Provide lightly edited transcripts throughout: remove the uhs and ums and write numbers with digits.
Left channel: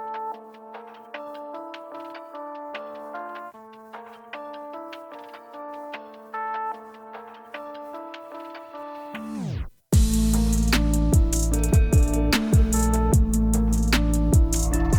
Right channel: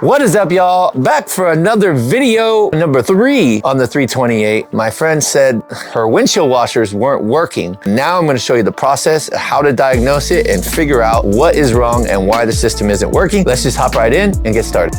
What is up, y'all? Back for another video, number 3 on the 328. My friend said her windshield washers weren't working. Now I'm gonna show you the process, how to diagnose it, and figure out what is wrong and why the system isn't working. Let's just hop right in and get started.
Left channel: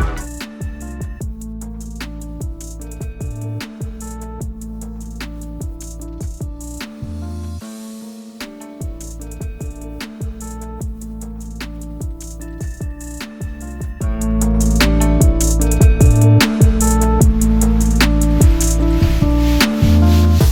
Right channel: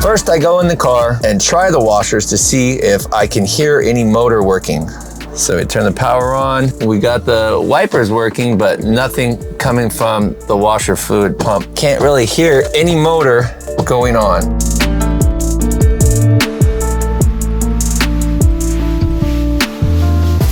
First, I go in the car and try the washers to see if I can hear any motor working. So we turn the power on. We got the wipers working, but nothing coming from the washer fluid pump. Can't really hear any motor going on.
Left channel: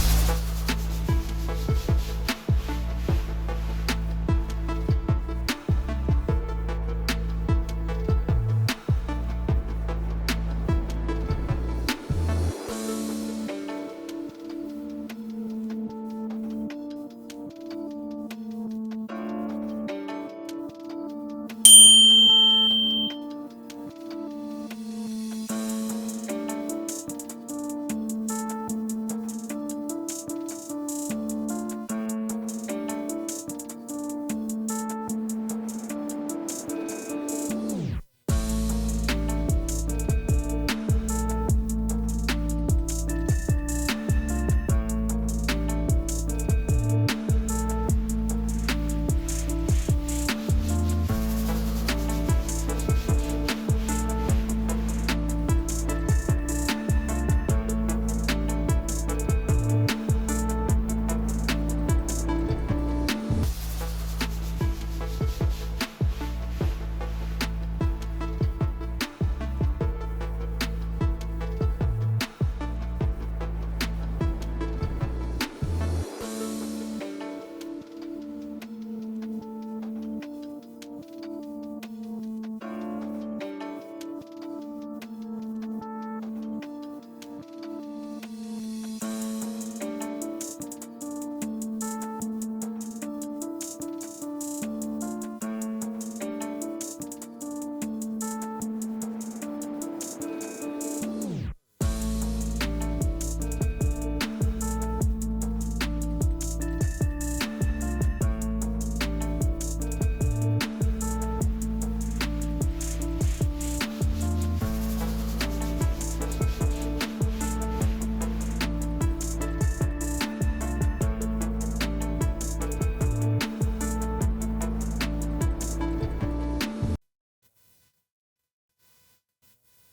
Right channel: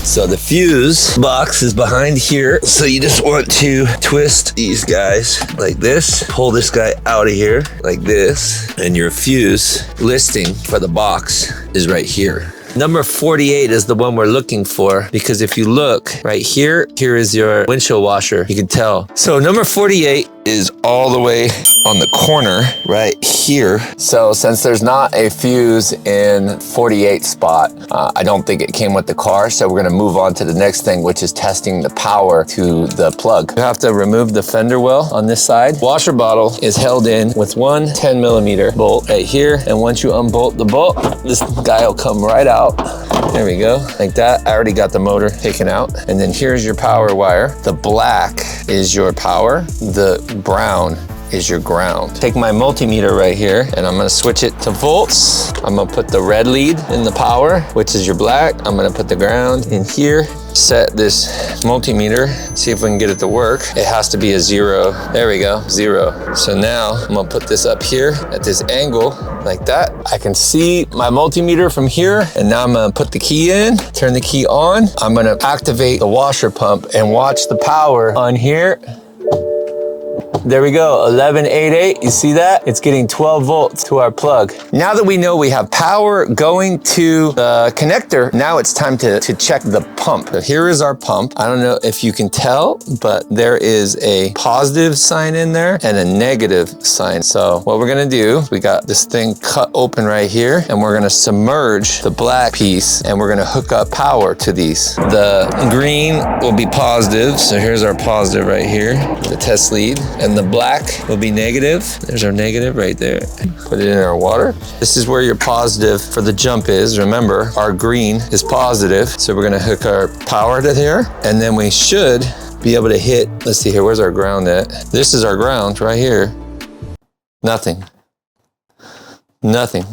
So the fuse box is behind here. So you just want to twist these guys like this, pull this guy out of here like this, and your fuse listing for the box is right here. Number 48 is the one we're looking for, because if you look right here, here is your windshield washer. You can tell. So number 48 is all the way on the corner right here. So since there's not a fuse in 48 spot, I don't think it came with the car. So we're gonna move on to the next thing, which is testing the power to the plug. You have to remove the fender well on this side. Washer bottle is held in with one 10mm bolt right here. And once you unbolt the bolt, this guy will come right out. There we go, like that. I already got the motor taken out. And then here's your power wire. The black is your power. The brown is your ground. Take my multimeter right here and I'm gonna switch it to volts. I'm gonna put the red lead in the power, which is your black. I'm gonna put the ground in here. Set this multimeter, see if we can get it to work. It has to be a 0. There we go, 0. So now I'm gonna put this up here at this angle like that. I can see my multimeter from here, and now I'm gonna put the key in, turn the key on. I'm gonna activate the washer pump and watch the power on here. There we go, 1188, you see that? It's getting 12 volts to our plug. Now that we know we have power going to the connector, now it's time to check the pump. So here is our pump. I don't know if you can tell, but there is a positive sign in there and a negative sign. So what we're gonna do, we got this thing cut open right here, and we're gonna submerge the black piece, and we're gonna hook up power to these. The green will be positive, so here's our positive right here, the test lead. And the black will be negative. There's our negative right there. Put it in our water. This is where your positive for the jump is. Remember, our green is positive. So we're gonna hook our power to here, and then we should be able to hit, let's see here, where's our ground at? This is our ground right here. Nothing. Nothing.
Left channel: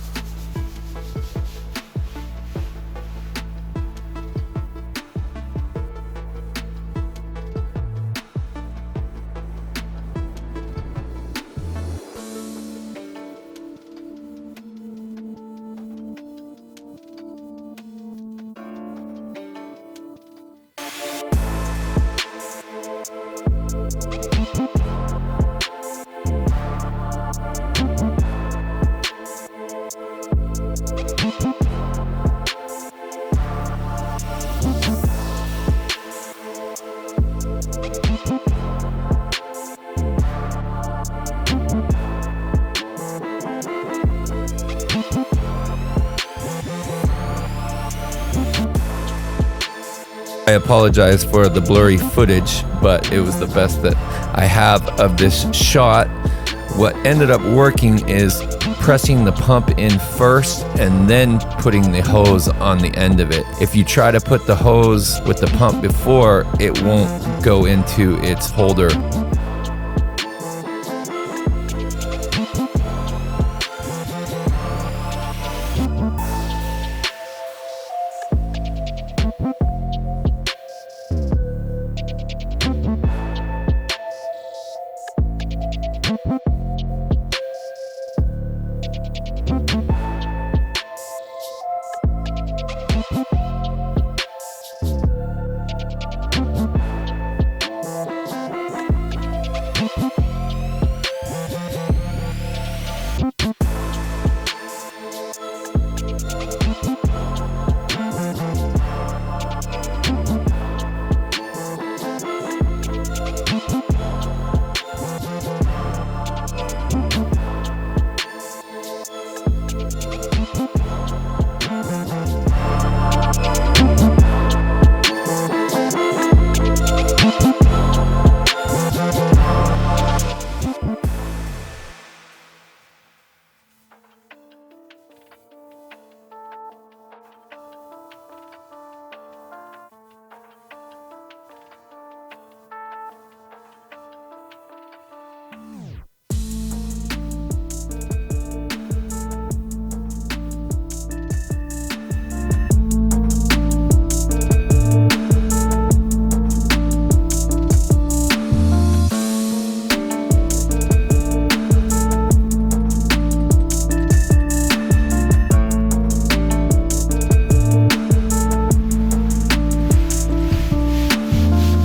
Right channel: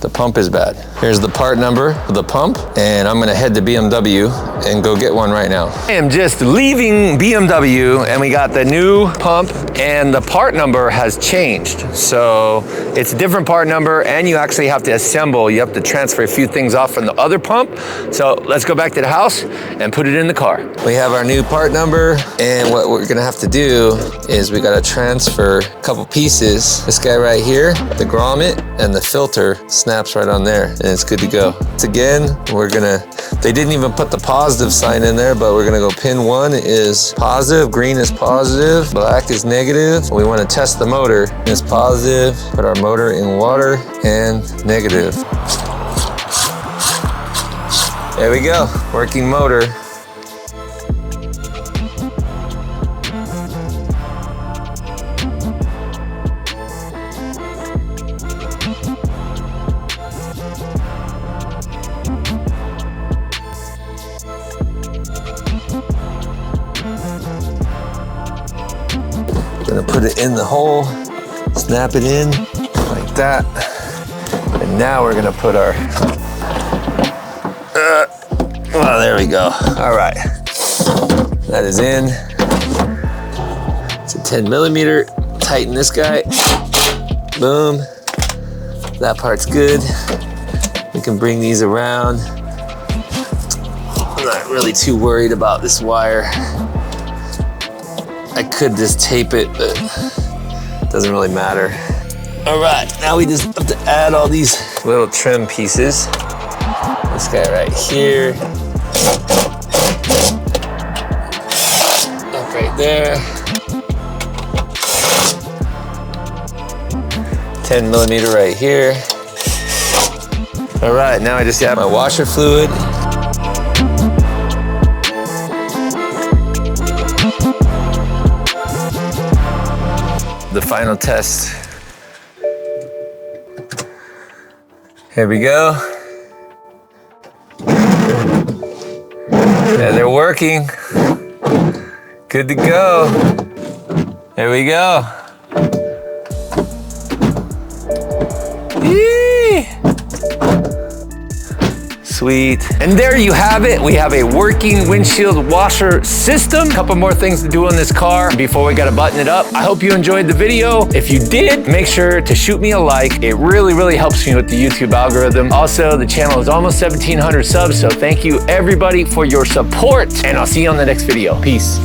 The pump is bad. Here's the part number of the pump, and I'm gonna head to BMW and go get one right now. I am just leaving BMW, and we got the new pump, and the part number has changed. So it's a different part number, and you actually have to assemble. You have to transfer a few things off from the other pump. So let's go back to the house and put it in the car. We have our new part number, and what we're gonna have to do is we gotta transfer a couple pieces. This guy right here, the grommet, and the filter snaps right on there, and it's good to go. Once again, they didn't even put the positive sign in there, but we're gonna go pin 1 is positive, green is positive, black is negative. We wanna test the motor. It's positive, put our motor in water, and negative. There we go, working motor. I apologize for the blurry footage, but it was the best that I have of this shot. What ended up working is pressing the pump in first and then putting the hose on the end of it. If you try to put the hose with the pump before, it won't go into its holder. We're gonna put it in the hole, snap it in like that. And now we're gonna put our, oh, there we go. All right, that is in. It's a 10mm, tighten this guy. Boom, that part's good. We can bring these around. I'm not really too worried about this wire. I could just tape it, but it doesn't really matter. All right, now we just have to add all these little trim pieces. This guy right here. Up right there. 10 millimeter right here. All right, now I just got my washer fluid. The final test. Here we go. Yeah, they're working. Good to go. There we go. Yee! Sweet. And there you have it. We have a working windshield washer system. Couple more things to do on this car before we gotta button it up. I hope you enjoyed the video. If you did, make sure to shoot me a like. It really, really helps me with the YouTube algorithm. Also, the channel is almost 1,700 subs, so thank you everybody for your support, and I'll see you on the next video. Peace.